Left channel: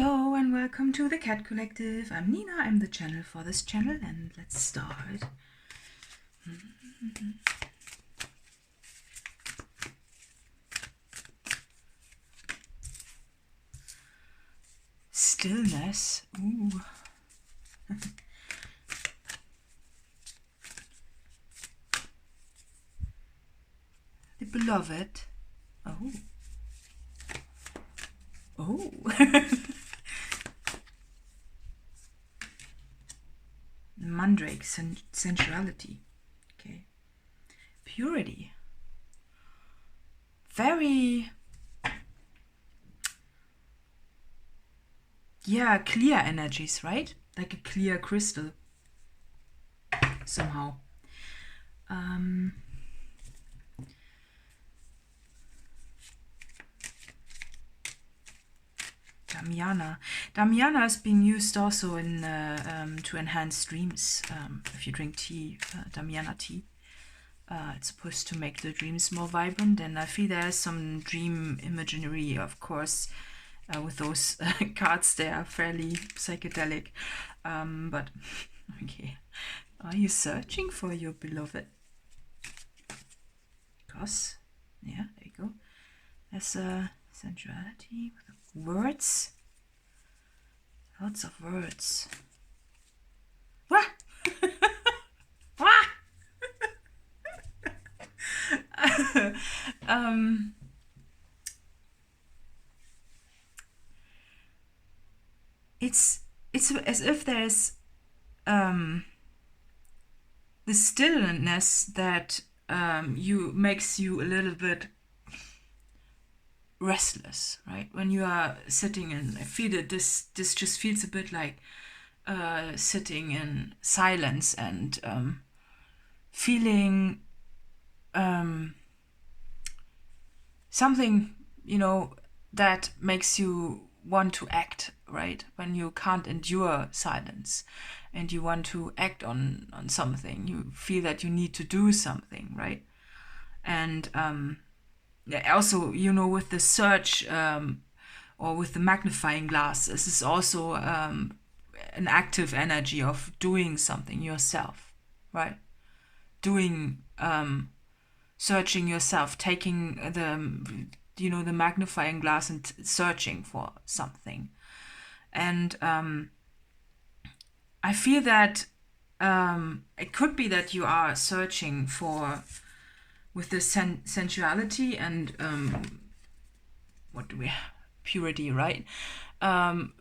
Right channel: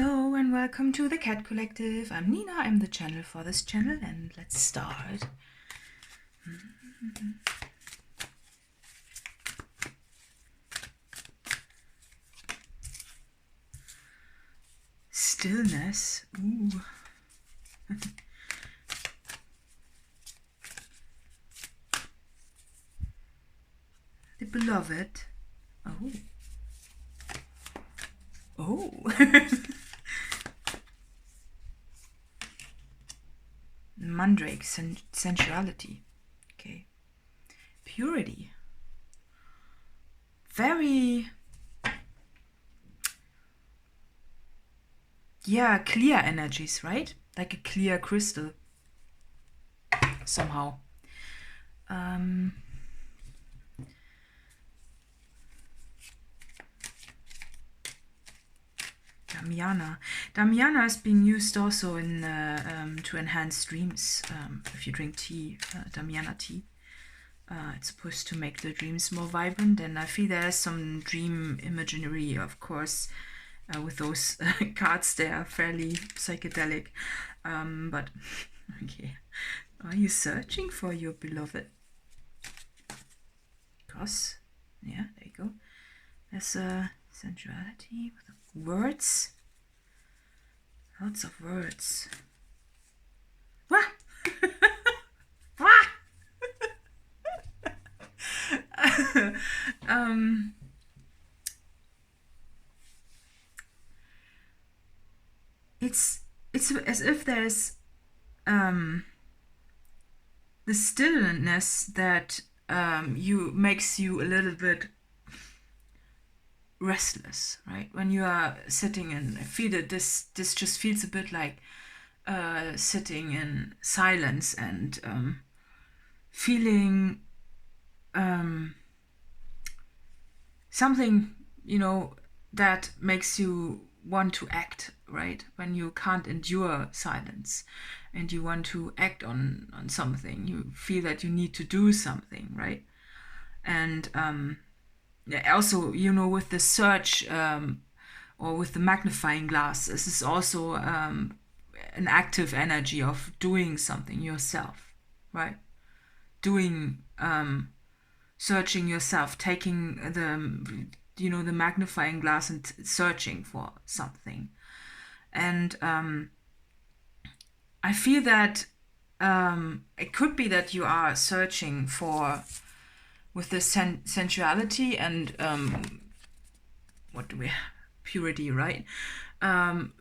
Hello and welcome to the Cat Collective. I'm Nina, I'm the channel for this channel, and let's start. Stillness. Ooh. The beloved. Oh. Oh. Mandrake, sensuality. Okay. Purity. Very, yeah, clear energies, right? Like a clear crystal. Somehow. Damiana. Damiana is being used also in to enhance dreams. If you drink tea, Damiana tea, it's supposed to make the dreams more vibrant. And I feel there's some dream imagery, of course, with those cards. They are fairly psychedelic. But okay, are you searching for your beloved? Because, yeah, there you go. There's a sensuality with words. Lots of words. Wah! Wah! It's as if there's the stillness that makes you a little bit restless, right? When you are sitting and I feel that this just feels a bit like sitting in silence and feeling something, that makes you want to act, right? When you can't endure silence and you want to act on something, you feel that you need to do something, right? And also, with the search or with the magnifying glass, this is also an active energy of doing something yourself, right? Doing, searching yourself, taking the magnifying glass and searching for something. And I feel that it could be that you are searching for, with the sensuality and what do we have? Purity, right?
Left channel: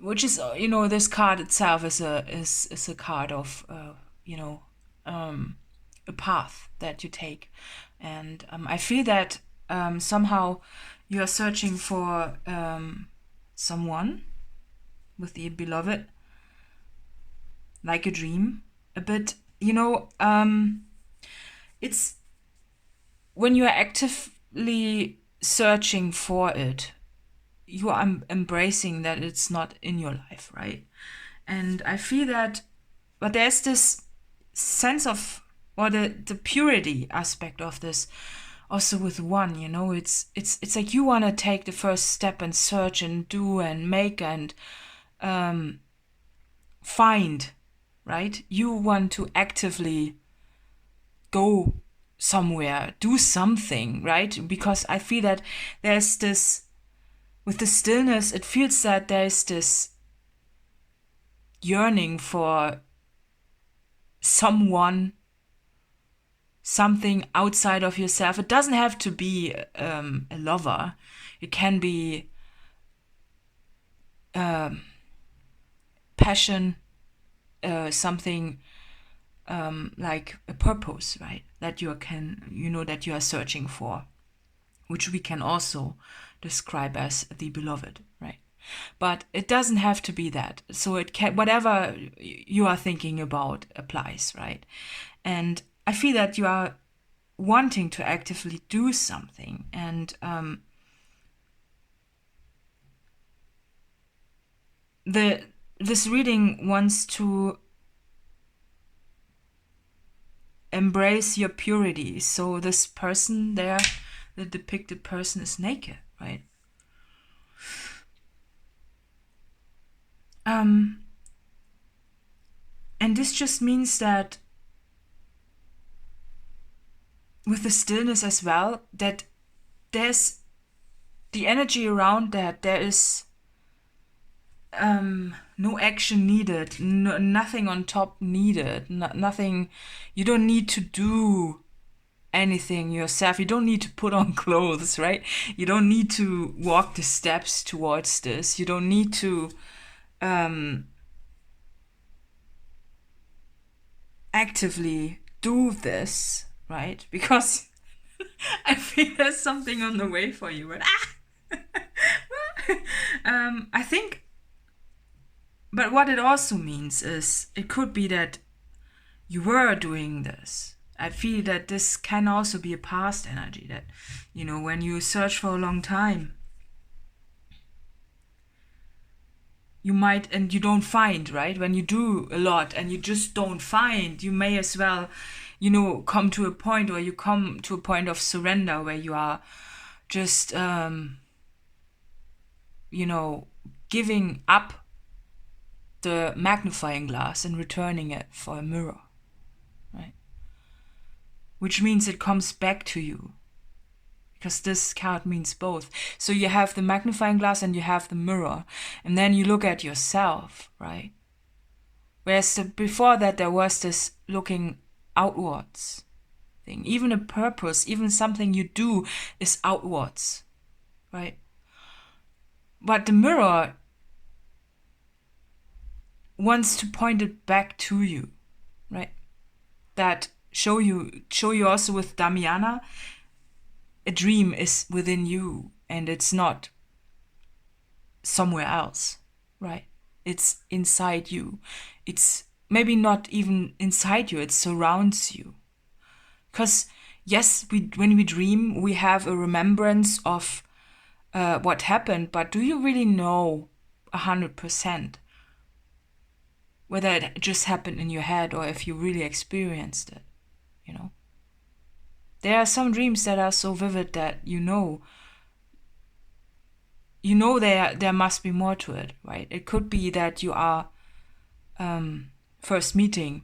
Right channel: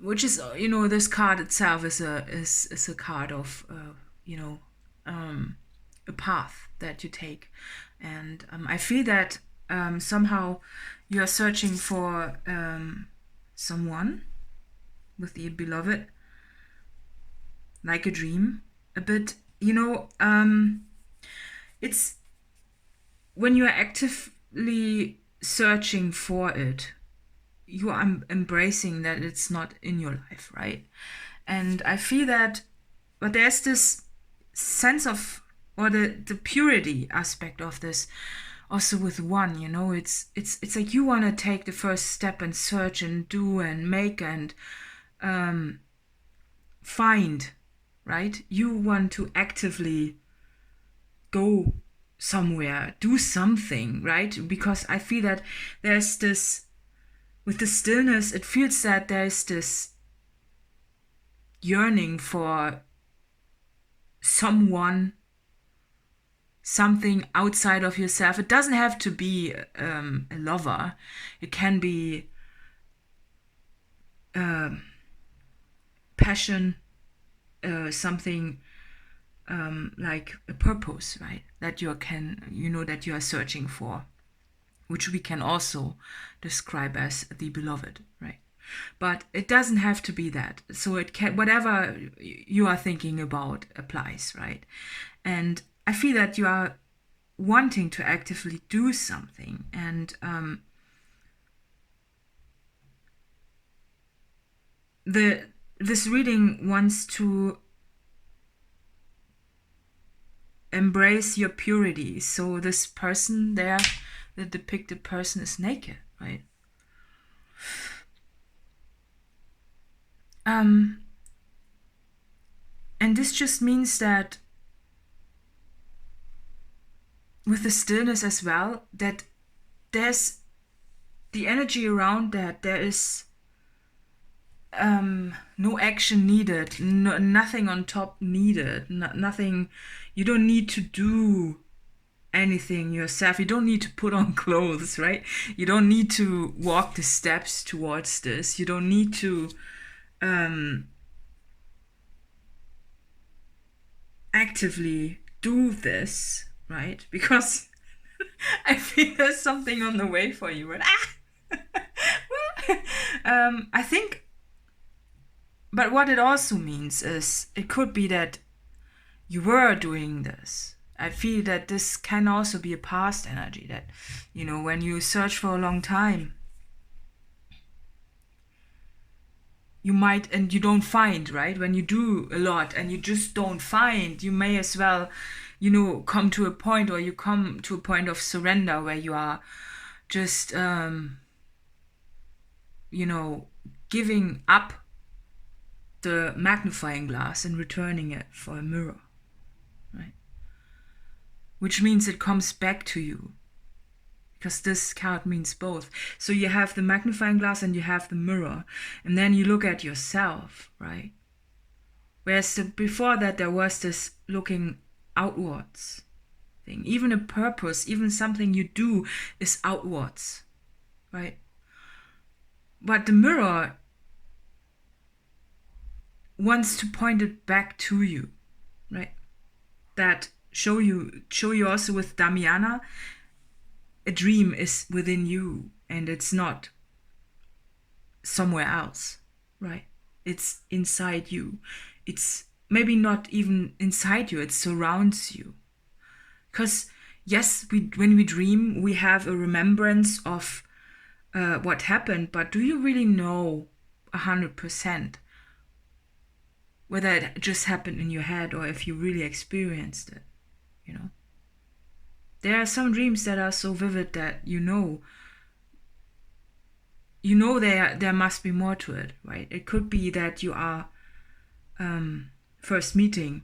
Which is, this card itself is a card of a path that you take. And I feel that somehow you are searching for someone with the beloved, like a dream, a bit, it's when you are actively searching for it, you are embracing that it's not in your life, right? And I feel that, but there's this sense of, or the purity aspect of this also with one, it's like you want to take the first step and search and do and make and find, right? You want to actively go somewhere, do something, right? Because I feel that there's this, with the stillness, it feels that there's this yearning for someone, something outside of yourself. It doesn't have to be a lover. It can be passion, something like a purpose, right? That that you are searching for, which we can also describe as the beloved, right? But it doesn't have to be that. So it can, whatever you are thinking about applies, right? And I feel that you are wanting to actively do something, and this reading wants to embrace your purity. So this person there, the depicted person, is naked, right? And this just means that with the stillness as well, that there's the energy around that, there is no action needed, nothing on top needed, nothing, you don't need to do anything yourself, you don't need to put on clothes, right? You don't need to walk the steps towards this, you don't need to actively do this, right? Because I feel there's something on the way for you, right? I think, but what it also means is it could be that you were doing this. I feel that this can also be a past energy, that, you know, when you search for a long time, you might, and you don't find, right? When you do a lot and you just don't find, you may as well, you know, come to a point, or you come to a point of surrender where you are just, you know, giving up the magnifying glass and returning it for a mirror, right? Which means it comes back to you, because this card means both. So you have the magnifying glass and you have the mirror, and then you look at yourself, right? Whereas before that there was this looking outwards thing. Even a purpose, even something you do is outwards, right? But the mirror wants to point it back to you, right? That show you also with Damiana, a dream is within you and it's not somewhere else, right? It's inside you. It's maybe not even inside you, it surrounds you. Because yes, when we dream, we have a remembrance of what happened, but do you really know 100% whether it just happened in your head or if you really experienced it, you know? There are some dreams that are so vivid that you know there must be more to it, right? It could be that you are first meeting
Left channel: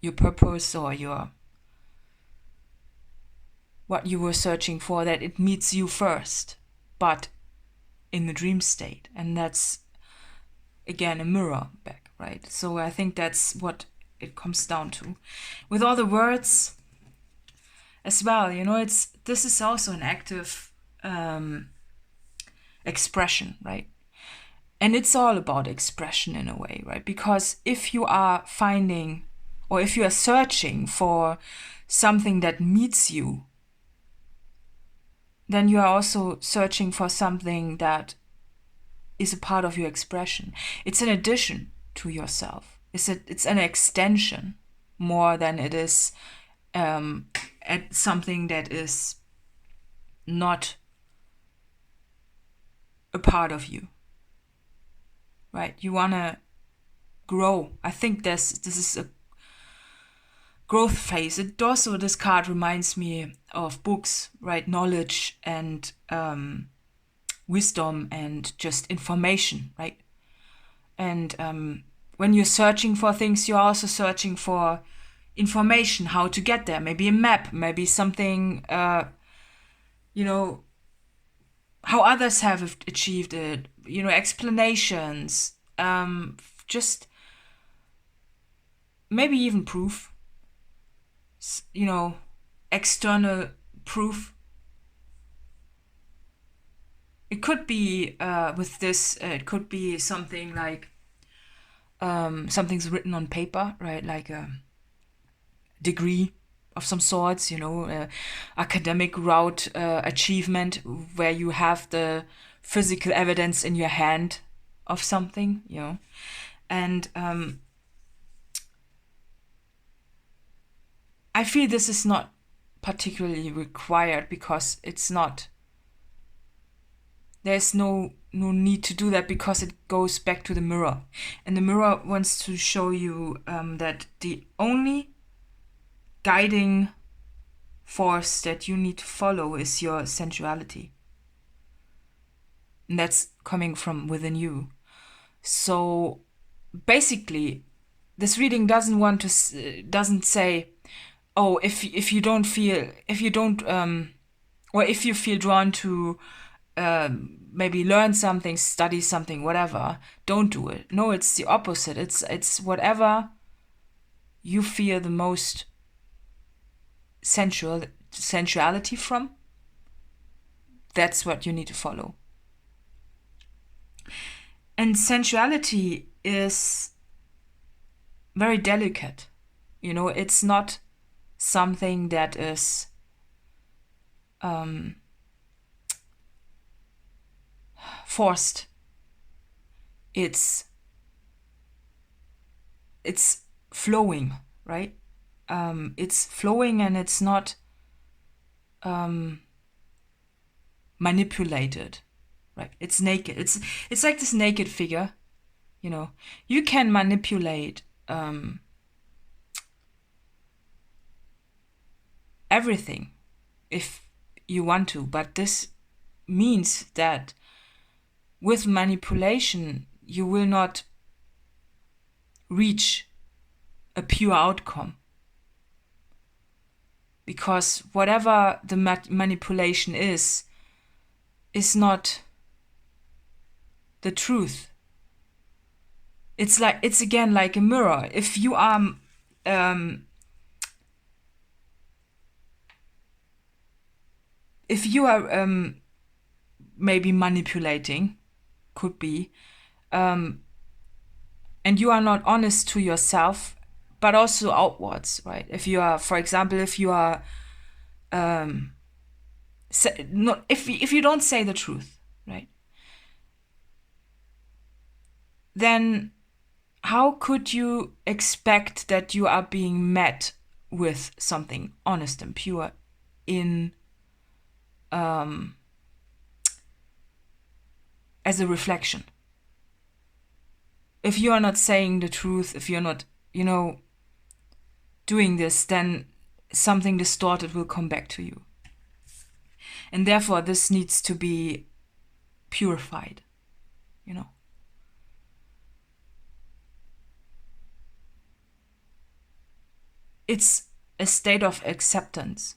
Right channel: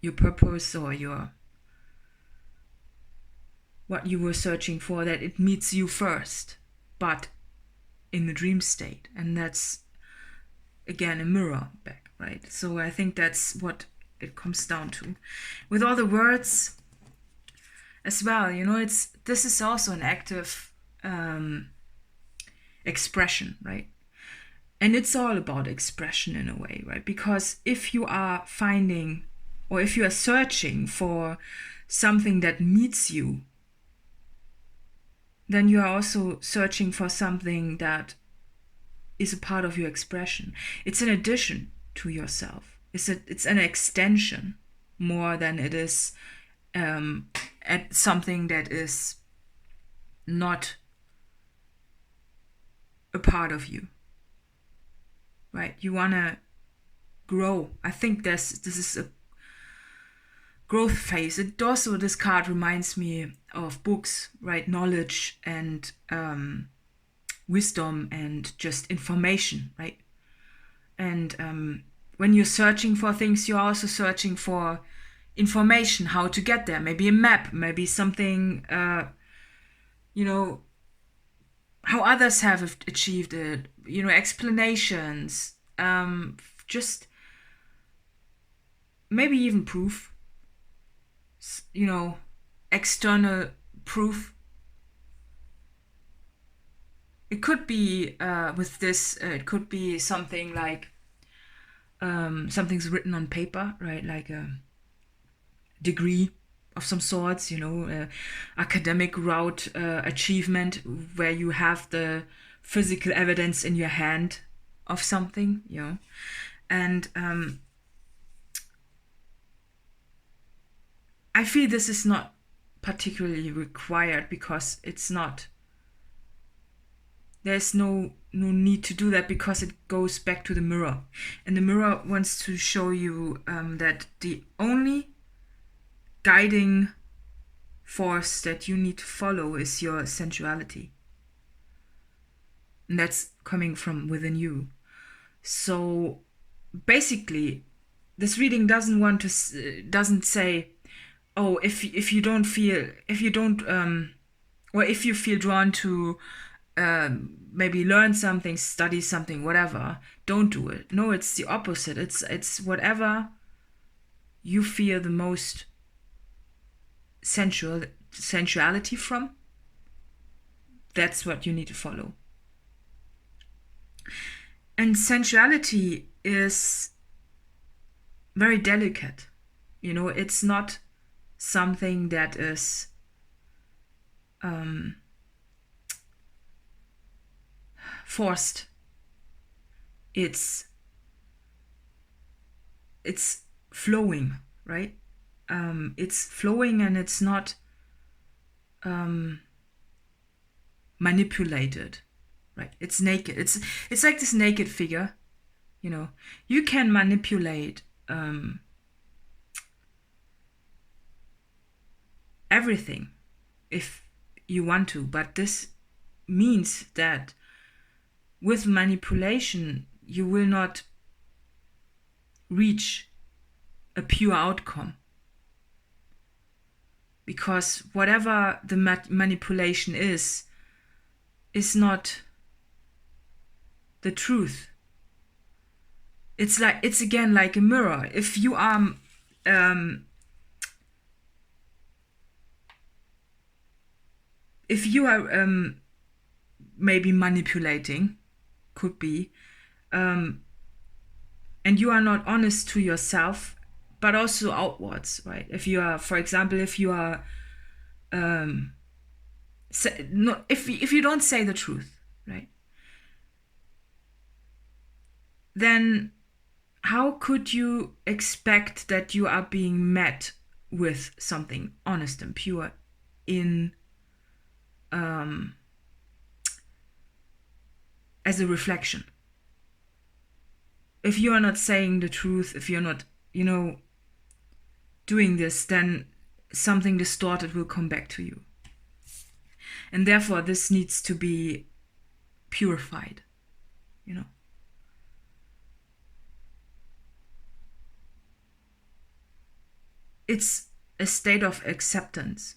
your purpose or your what you were searching for, that it meets you first, but in the dream state, and that's again a mirror back, right? So I think that's what it comes down to. With all the words as well, you know, this is also an active expression, right? And it's all about expression in a way, right? Because if you are finding, or if you are searching for something that meets you, then you are also searching for something that is a part of your expression. It's an addition to yourself. It's an extension more than it is at something that is not a part of you, right? You want to grow. I think this is a growth phase. It also, this card reminds me of books, right? Knowledge and wisdom and just information, right? And when you're searching for things, you're also searching for information, how to get there. Maybe a map, maybe something, you know, how others have achieved it, you know, explanations, just maybe even proof, you know, external proof. It could be with this, it could be something like something's written on paper, right? Like a degree of some sorts, you know, academic route achievement where you have the physical evidence in your hand of something, you know. And I feel this is not particularly required because it's not, there's no need to do that, because it goes back to the mirror. And the mirror wants to show you that the only guiding force that you need to follow is your sensuality. And that's coming from within you. So basically, this reading doesn't say, oh, if you don't feel, or if you feel drawn to maybe learn something, study something, whatever, don't do it. No, it's the opposite. It's whatever you feel the most sensuality from. That's what you need to follow. And sensuality is very delicate. It's not something that is forced. It's flowing, right? It's flowing, and it's not manipulated, right? It's naked. It's like this naked figure. You can manipulate everything if you want to, but this means that with manipulation you will not reach a pure outcome, because whatever the manipulation is not the truth. It's again like a mirror. If you are maybe manipulating, could be, and you are not honest to yourself, but also outwards, right? If you are, for example, if you don't say the truth, right, then how could you expect that you are being met with something honest and pure in as a reflection? If you are not saying the truth, if you're not, doing this, then something distorted will come back to you. And therefore, this needs to be purified, It's a state of acceptance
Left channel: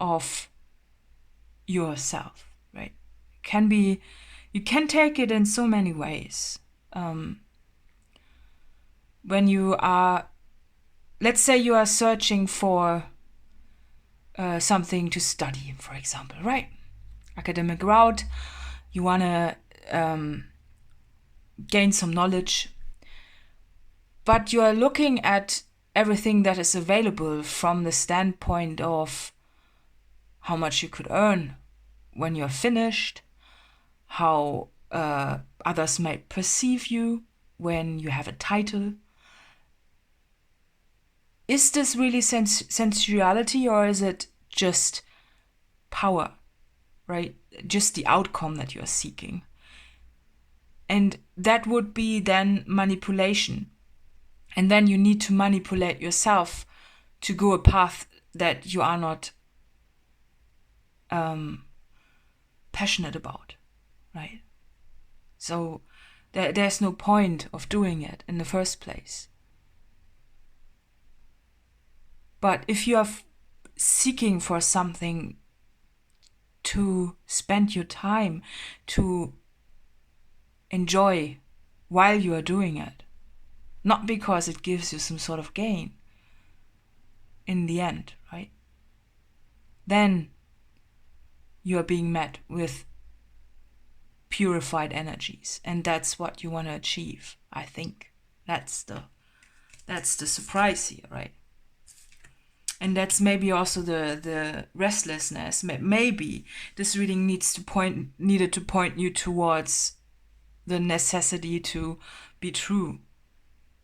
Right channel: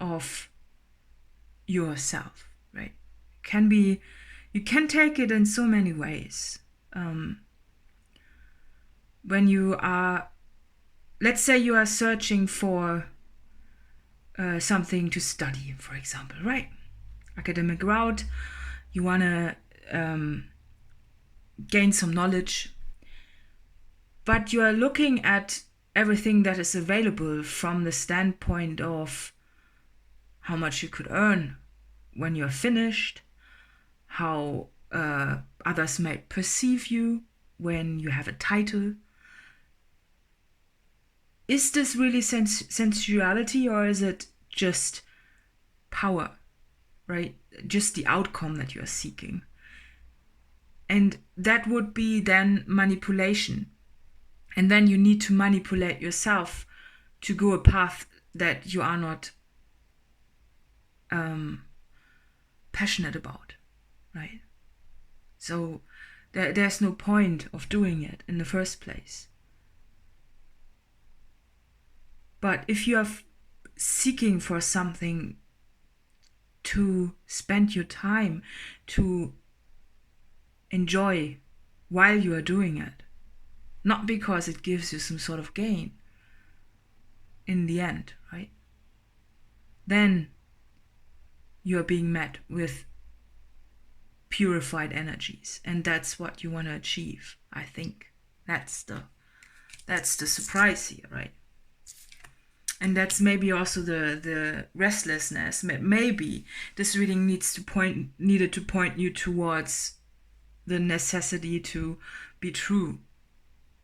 of yourself, right? You can take it in so many ways. When you are, let's say you are searching for something to study, for example, right? Academic route, you want to gain some knowledge, but you are looking at everything that is available from the standpoint of how much you could earn when you're finished, how others may perceive you when you have a title. Is this really sensuality, or is it just power, right? Just the outcome that you're seeking. And that would be then manipulation. And then you need to manipulate yourself to go a path that you are not passionate about, right? So there's no point of doing it in the first place. But if you are seeking for something to spend your time, to enjoy while you are doing it, not because it gives you some sort of gain in the end, right? Then you are being met with purified energies, and that's what you want to achieve. I think that's the surprise here, right? And that's maybe also the restlessness. Maybe this reading needed to point you towards the necessity to be true,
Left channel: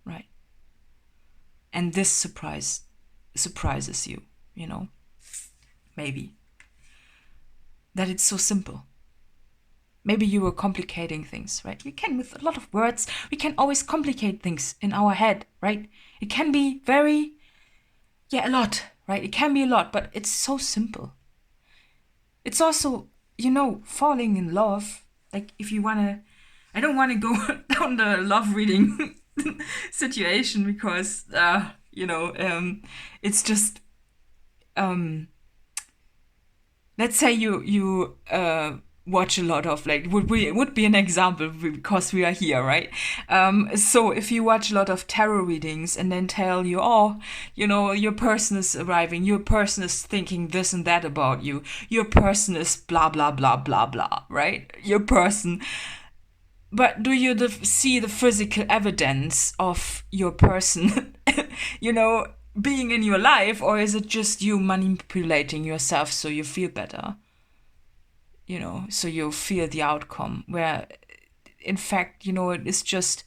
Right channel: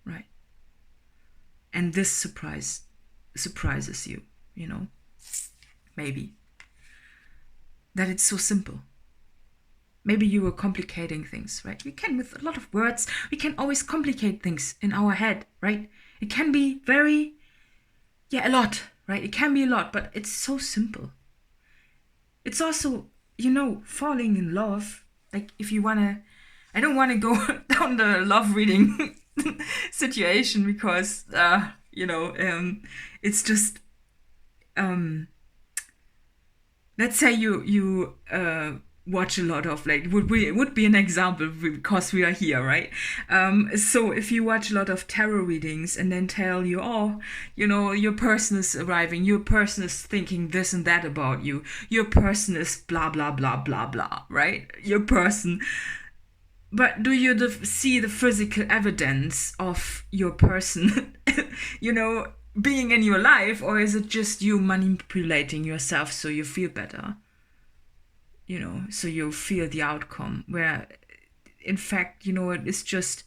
right? And this surprises you, maybe. That it's so simple. Maybe you were complicating things, right? We can, with a lot of words, we can always complicate things in our head, right? It can be a lot, right? It can be a lot, but it's so simple. It's also, falling in love. Like if you want to I don't want to go down the love reading situation because it's just let's say you watch a lot of, like, would be an example because we are here, right? So if you watch a lot of tarot readings and then tell you, oh, your person is arriving, your person is thinking this and that about you, your person is blah blah blah blah blah, right? Your person. But do you see the physical evidence of your person, being in your life, or is it just you manipulating yourself so you feel better? So you feel the outcome, where in fact, it's just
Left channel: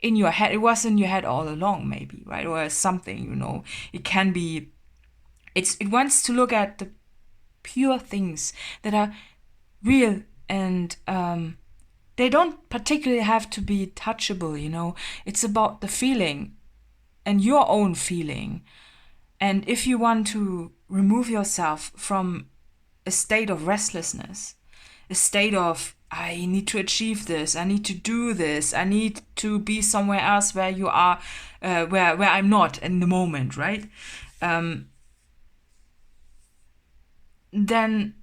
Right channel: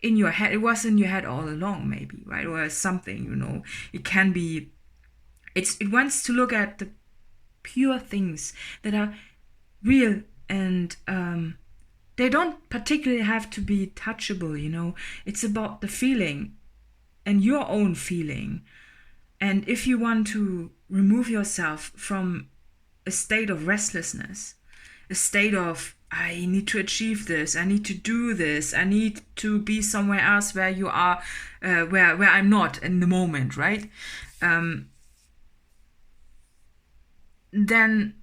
in your head. It was in your head all along, maybe, right? Or something, it can be, it wants to look at the pure things that are real, and they don't particularly have to be touchable, It's about the feeling and your own feeling. And if you want to remove yourself from a state of restlessness, a state of, I need to achieve this, I need to do this, I need to be somewhere else where you are, where I'm not in the moment, right? Then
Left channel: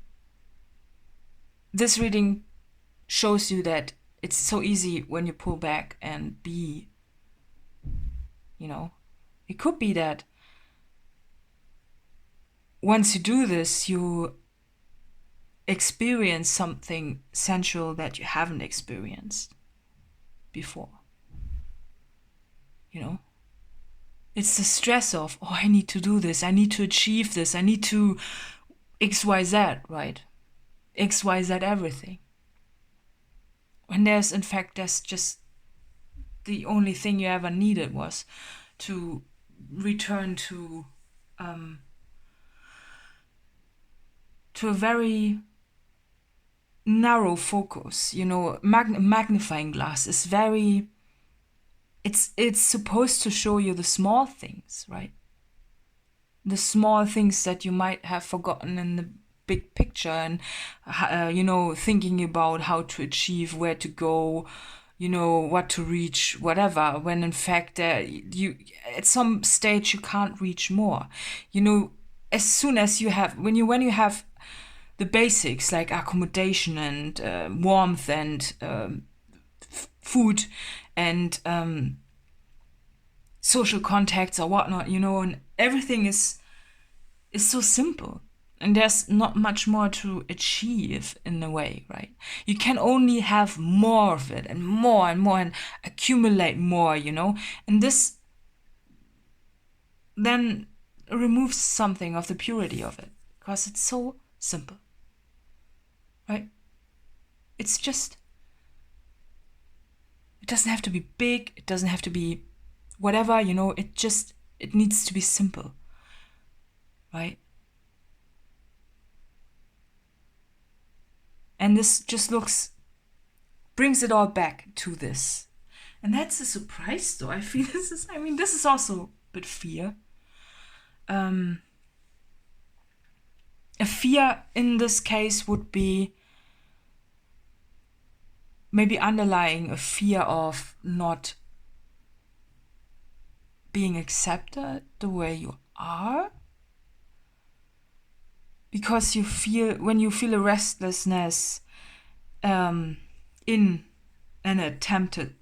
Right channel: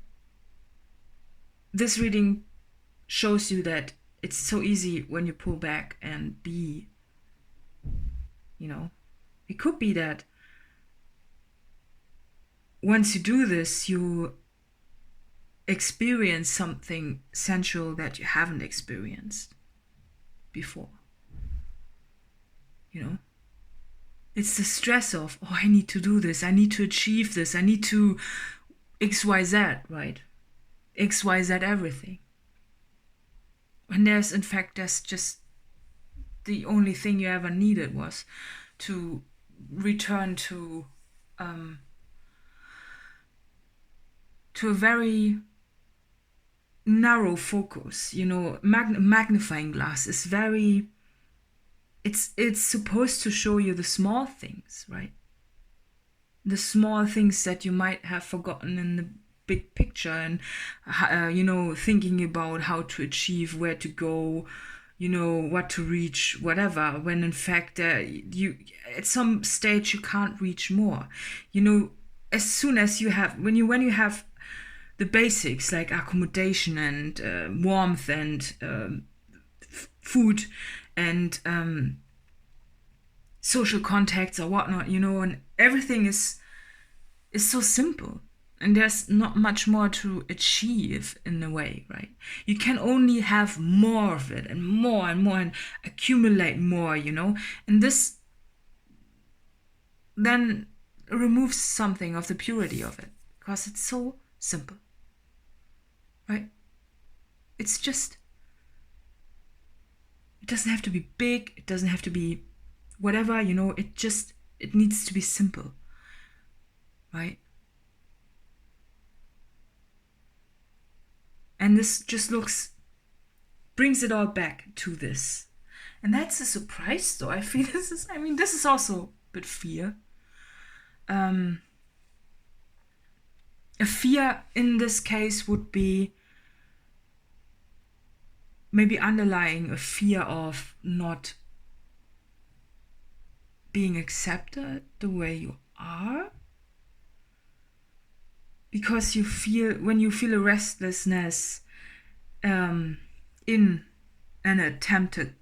this reading shows you that it's so easy when you pull back and be, it could be that once you do this, you experience something sensual that you haven't experienced before. It's the stress of, oh, I need to do this, I need to achieve this, I need to XYZ, right? XYZ everything. And there's just the only thing you ever needed was to return to a very narrow focus. Magnifying glass is very, it's supposed to show you the small things, right? The small things that you might have forgotten in the big picture, and thinking about how to achieve, where to go, what to reach, whatever, when in fact you at some stage you can't reach more. As soon as you have, when you have the basics like accommodation and warmth and food and social contacts or whatnot, and everything is so simple. And there's not much more to achieve in a way, right? You can only have more of it and more and accumulate more, And this then removes something of the purity of it because it's so simple, right? It's just, it doesn't have to be big. It doesn't have to be whatever, it needs to be simple, right? And this just brings it all back to this. And that's a surprise, though. I feel this is also a bit fear. A fear in this case would be maybe underlying a fear of not being accepted the way you are. Because when you feel a restlessness in an attempted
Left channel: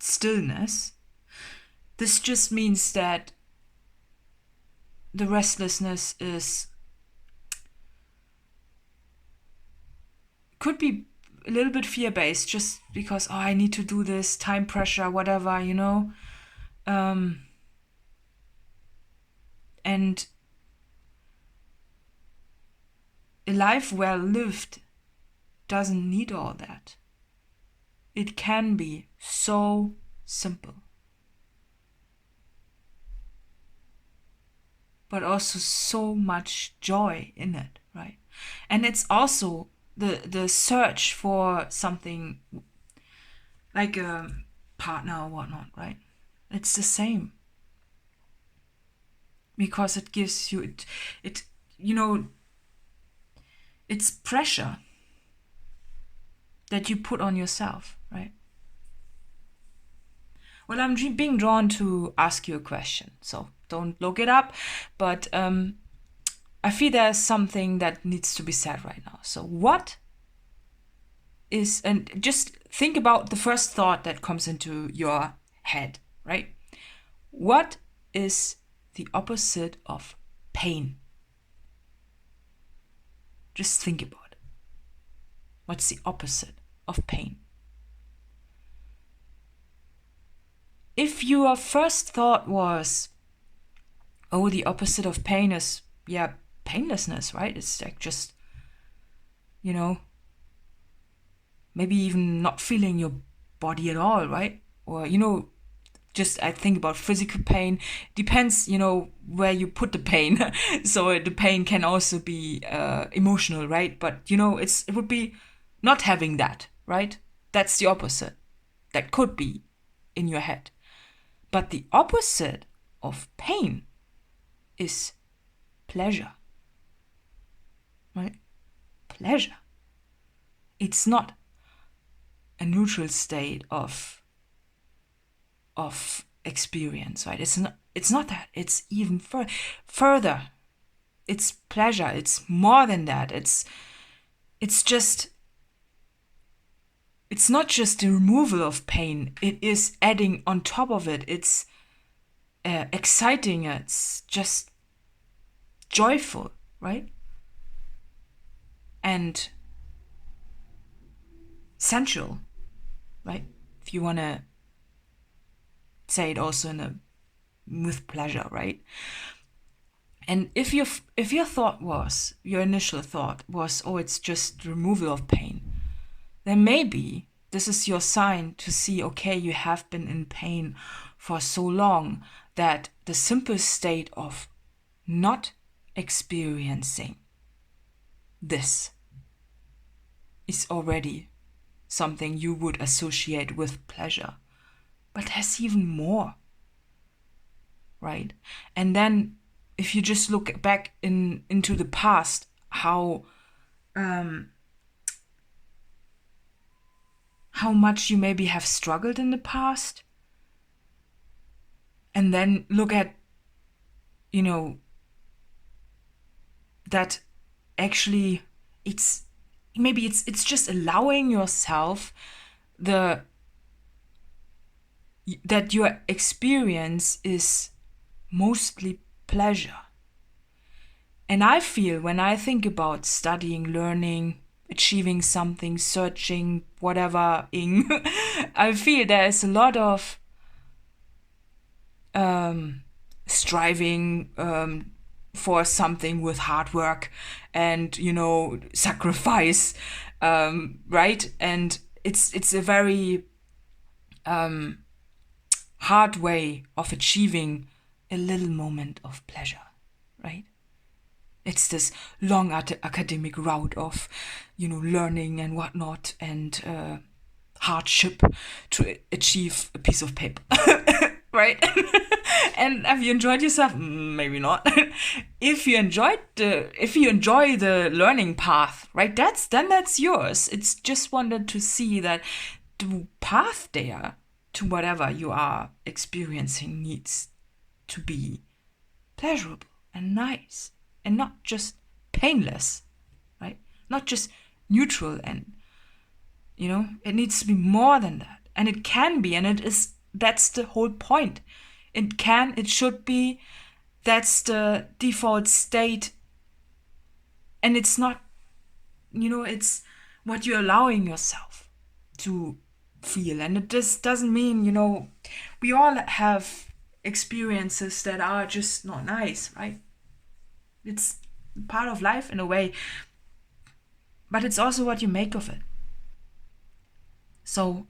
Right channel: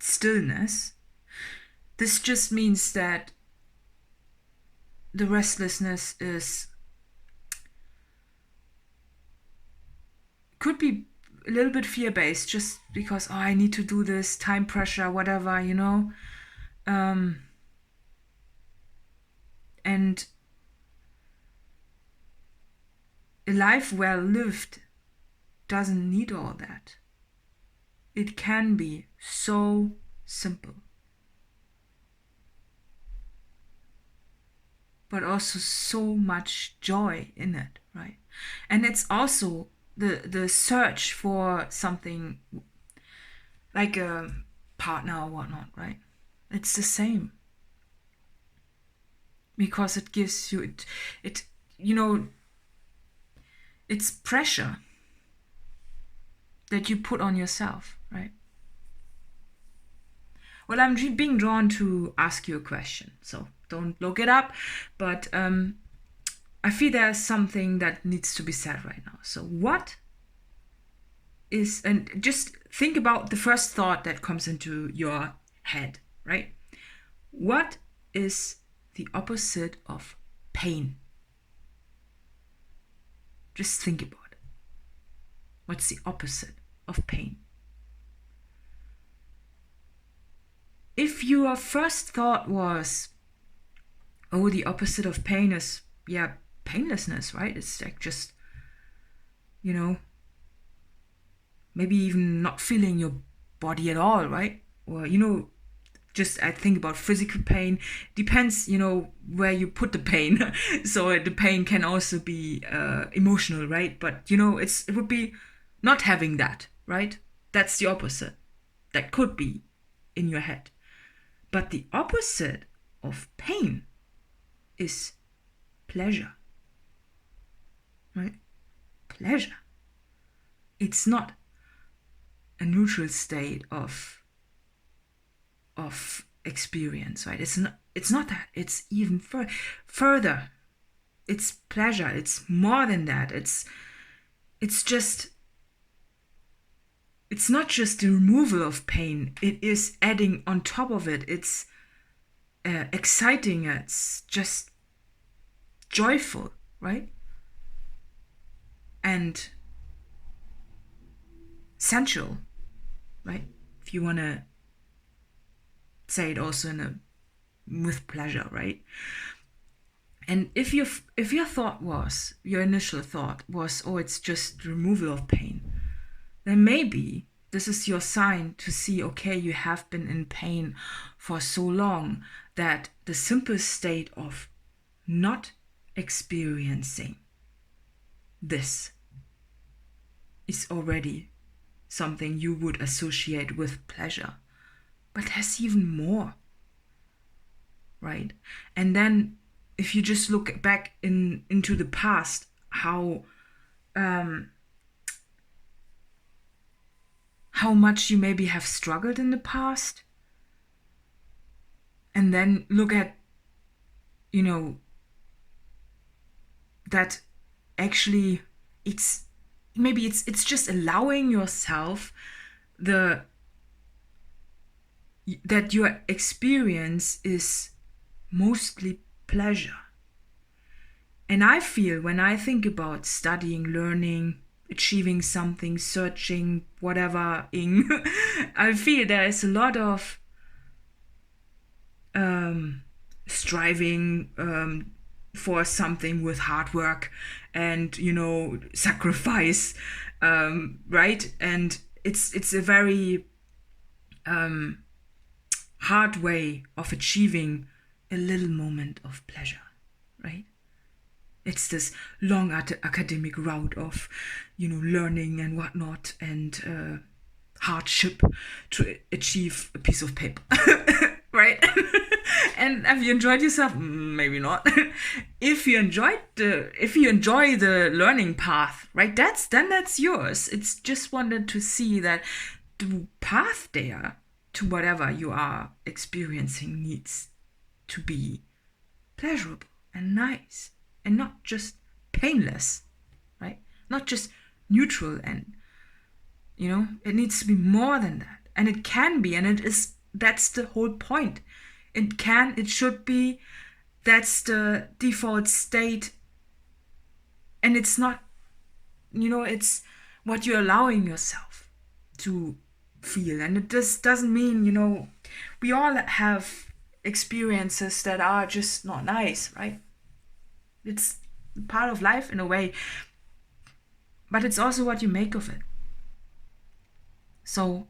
stillness, this just means that the restlessness could be a little bit fear-based, just because, oh, I need to do this, time pressure, whatever, and a life well lived doesn't need all that. It can be so simple, but also so much joy in it, right? And it's also the search for something like a partner or whatnot, right? It's the same, because it gives you it's pressure. that you put on yourself, right? Well, I'm being drawn to ask you a question, so don't look it up, but I feel there's something that needs to be said right now. So what is, and just think about the first thought that comes into your head, right? What is the opposite of pain? Just think about it. What's the opposite of pain? If your first thought was, oh, the opposite of pain is, painlessness, right? It's like just, maybe even not feeling your body at all, right? Or, just I think about physical pain. Depends, where you put the pain. So the pain can also be emotional, right? But, it would be not having that, right? That's the opposite. That could be in your head. But the opposite of pain is pleasure, right? Pleasure. It's not a neutral state of experience, right? It's not that. It's even further. It's pleasure. It's more than that. It's not just the removal of pain. It is adding on top of it. It's exciting. It's just joyful, right? And sensual, right? If you want to say it also with pleasure, right? And if your initial thought was, oh, it's just removal of pain, then maybe this is your sign to see, okay, you have been in pain for so long that the simple state of not experiencing this is already something you would associate with pleasure. But there's even more, right? And then if you just look back into the past, how much you maybe have struggled in the past, and then look at, that actually it's just allowing yourself that your experience is mostly pleasure. And I feel when I think about studying, learning, achieving something, searching, whatever, I feel there is a lot of striving for something with hard work and, sacrifice, right? And it's a very hard way of achieving a little moment of pleasure, right? It's this long academic route of, learning and whatnot and hardship to achieve a piece of paper, right? And have you enjoyed yourself? Maybe not. If you enjoy the learning path, right? Then that's yours. It's just wanted to see that the path there to whatever you are experiencing needs to be pleasurable and nice and not just painless, right? Not just neutral, and it needs to be more than that. And it can be, and that's the whole point. It should be, that's the default state. And it's not, it's what you're allowing yourself to feel. And it just doesn't mean, we all have experiences that are just not nice, right? It's part of life in a way, but it's also what you make of it. So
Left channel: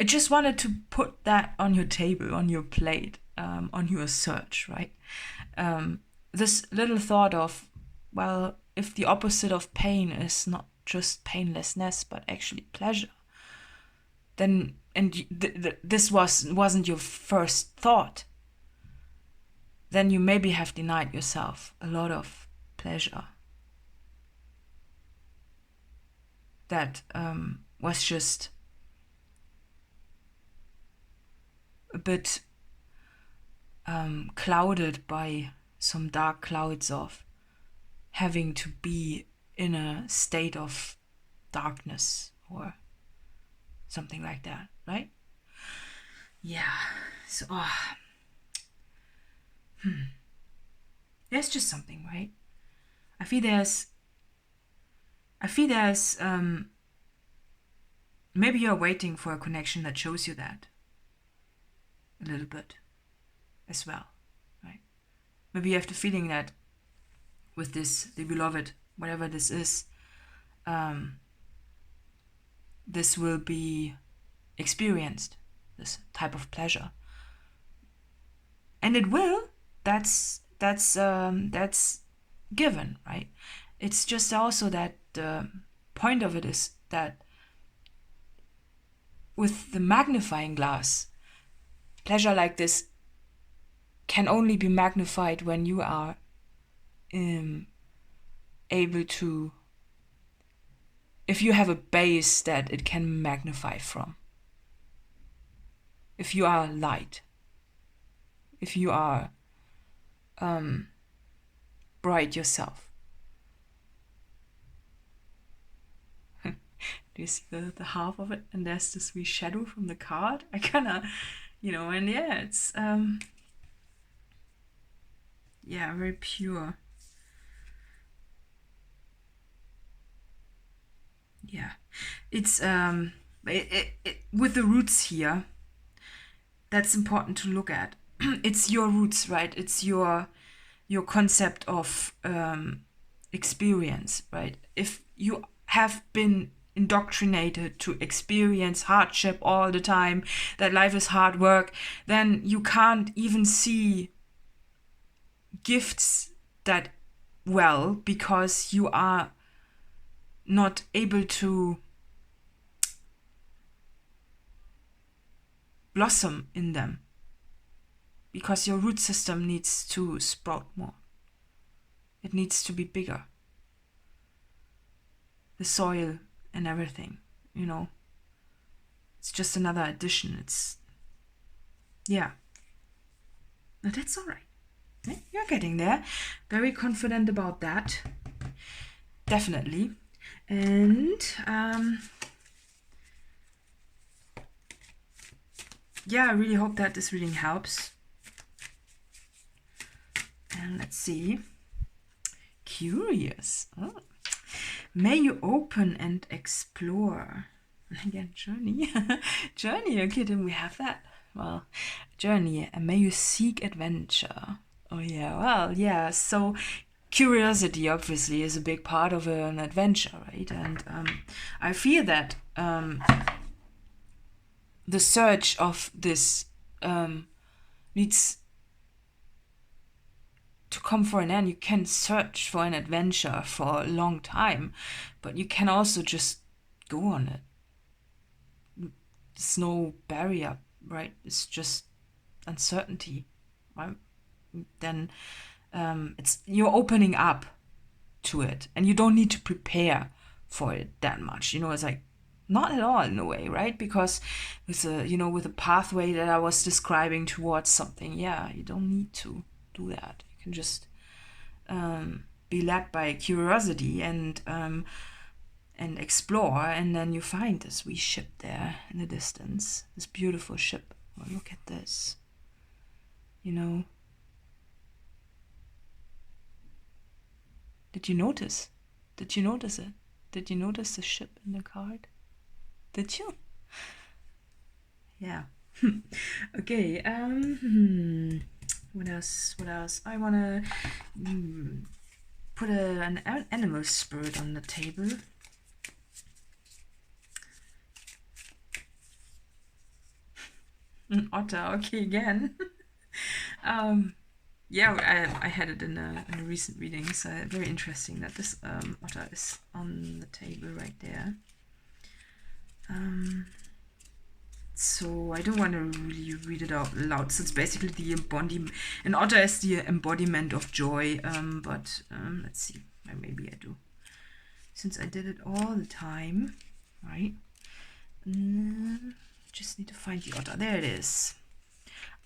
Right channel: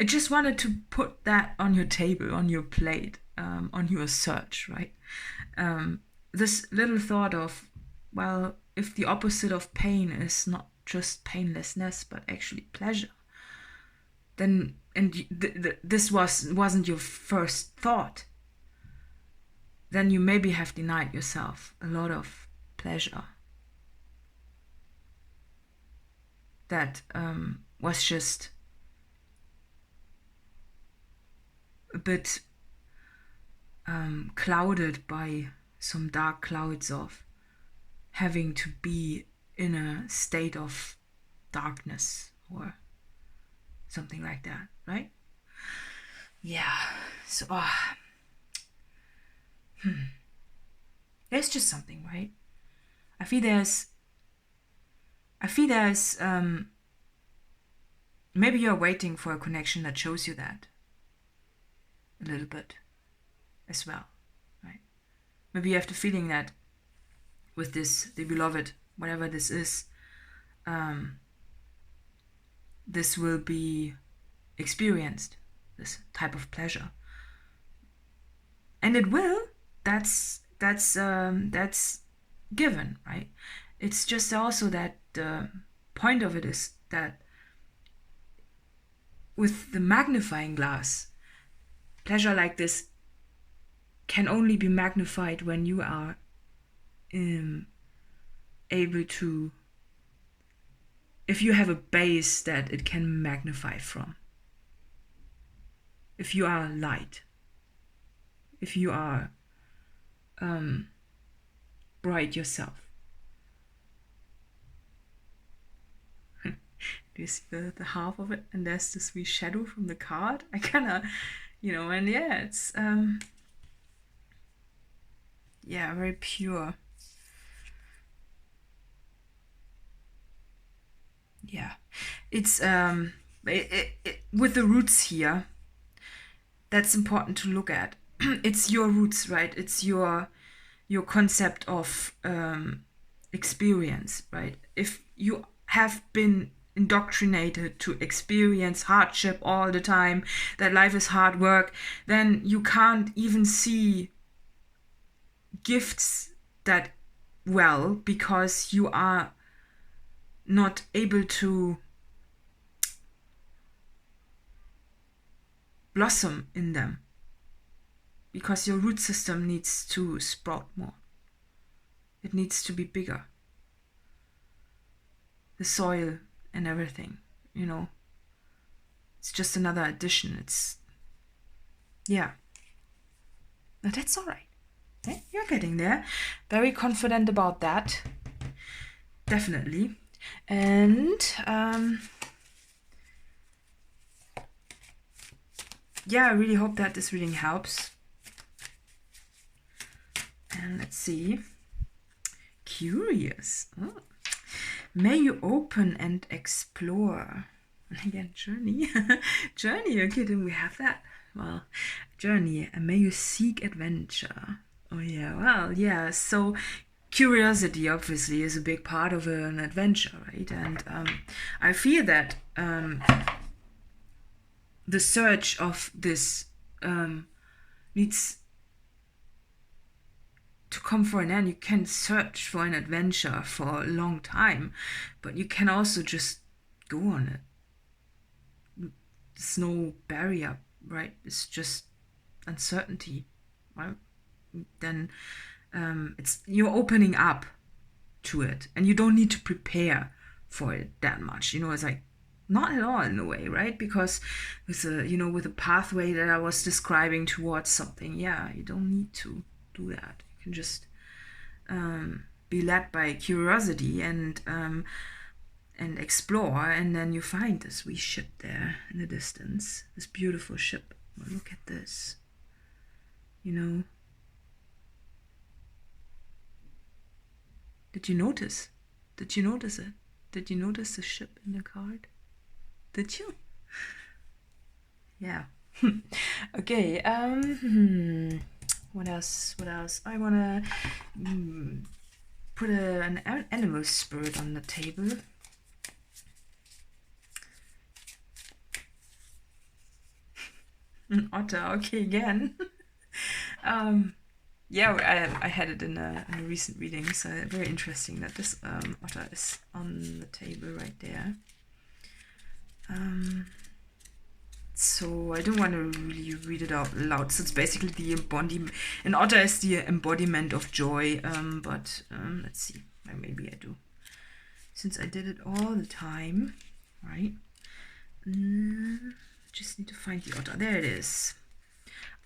I just wanted to put that on your table, on your plate, on your search, right? This little thought of, well, if the opposite of pain is not just painlessness, but actually pleasure, then, and this wasn't your first thought, then you maybe have denied yourself a lot of pleasure. that was just a bit clouded by some dark clouds of having to be in a state of darkness or something like that, right? Yeah. So there's just something, right? I feel there's maybe you're waiting for a connection that shows you that a little bit as well, right? Maybe you have the feeling that with this, the beloved, whatever this is, this will be experienced, this type of pleasure, and it will. That's given, right? It's just also that the point of it is that with the magnifying glass, pleasure like this can only be magnified when you are able to, if you have a base that it can magnify from. If you are light, if you are bright yourself. Do you see the half of it? And there's this wee shadow from the card. I kind of, and yeah, it's very pure. Yeah, it's with the roots here, that's important to look at. It's your roots, right? It's your concept of experience, right? If you have been indoctrinated to experience hardship all the time, that life is hard work, then you can't even see gifts that well, because you are not able to blossom in them, because your root system needs to sprout more. It needs to be bigger. The soil and everything, it's just another addition. It's, yeah. Now that's all right. Okay? You're getting there. Very confident about that. Definitely. And I really hope that this reading helps. And let's see. Curious. Oh. May you open and explore. And again, journey. Journey, okay, then we have that. Well, journey. And may you seek adventure. Oh yeah, well, yeah. So curiosity obviously is a big part of an adventure, right? And I feel that the search of this needs to come for an end. You can search for an adventure for a long time, but you can also just go on it. There's no barrier, right? It's just uncertainty, right? Then it's, you're opening up to it, and you don't need to prepare for it that much. It's like, not at all in a way, right? Because with a pathway that I was describing towards something, you don't need to do that. You can just be led by curiosity and explore, and then you find this wee ship there in the distance, this beautiful ship. Oh, look at this, Did you notice? Did you notice it? Did you notice the ship in the card? Did you? Yeah. Okay. What else? I wanna put an animal spirit on the table. An otter. Okay, again. I had it in a recent reading, so very interesting that this otter is on the table right there. So I don't want to really read it out loud. So it's basically the embodiment. An otter is the embodiment of joy. But let's see. Maybe I do. since I did it all the time, right? Just need to find the otter. There it is.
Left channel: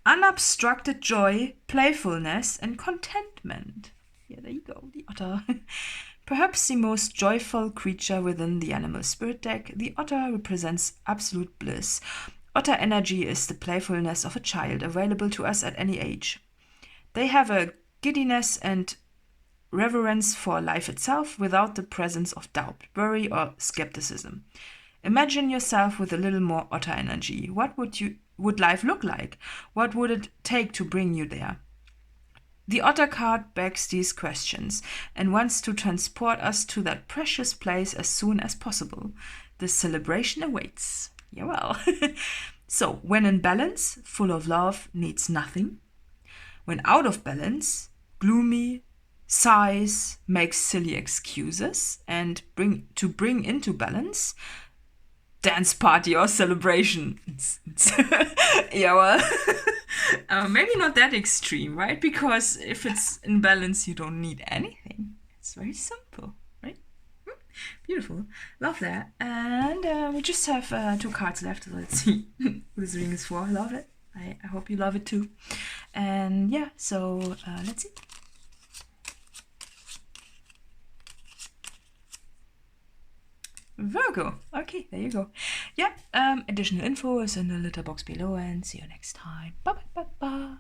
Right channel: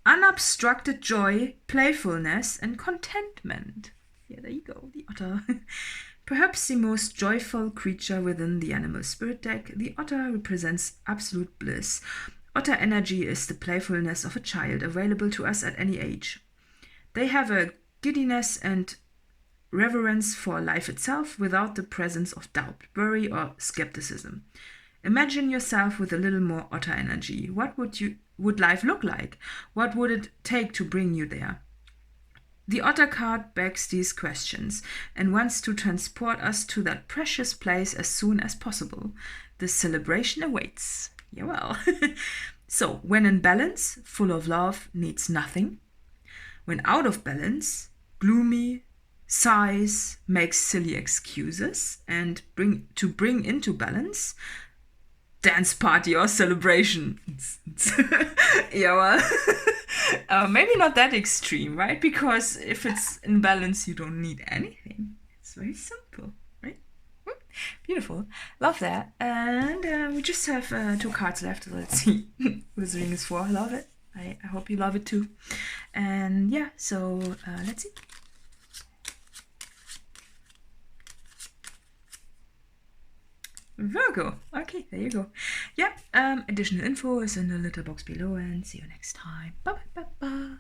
Unobstructed joy, playfulness, and contentment. Yeah, there you go, the otter. Perhaps the most joyful creature within the animal spirit deck, the otter represents absolute bliss. Otter energy is the playfulness of a child, available to us at any age. They have a giddiness and reverence for life itself without the presence of doubt, worry, or skepticism. Imagine yourself with a little more otter energy. What would life look like? What would it take to bring you there? The otter card begs these questions and wants to transport us to that precious place as soon as possible. The celebration awaits. Yeah, well. So, when in balance, full of love, needs nothing. When out of balance, gloomy, sighs, makes silly excuses, and to bring into balance, dance party or celebration. Yeah, well, maybe not that extreme, right? Because if it's in balance, you don't need anything. It's very simple, right? Beautiful. Love that. And we just have 2 cards left. Let's see who this ring is for. Love it. I hope you love it too. And yeah, so let's see. Virgo. Okay, there you go. Yeah, additional info is in the letter box below, and see you next time. Bye bye bye bye.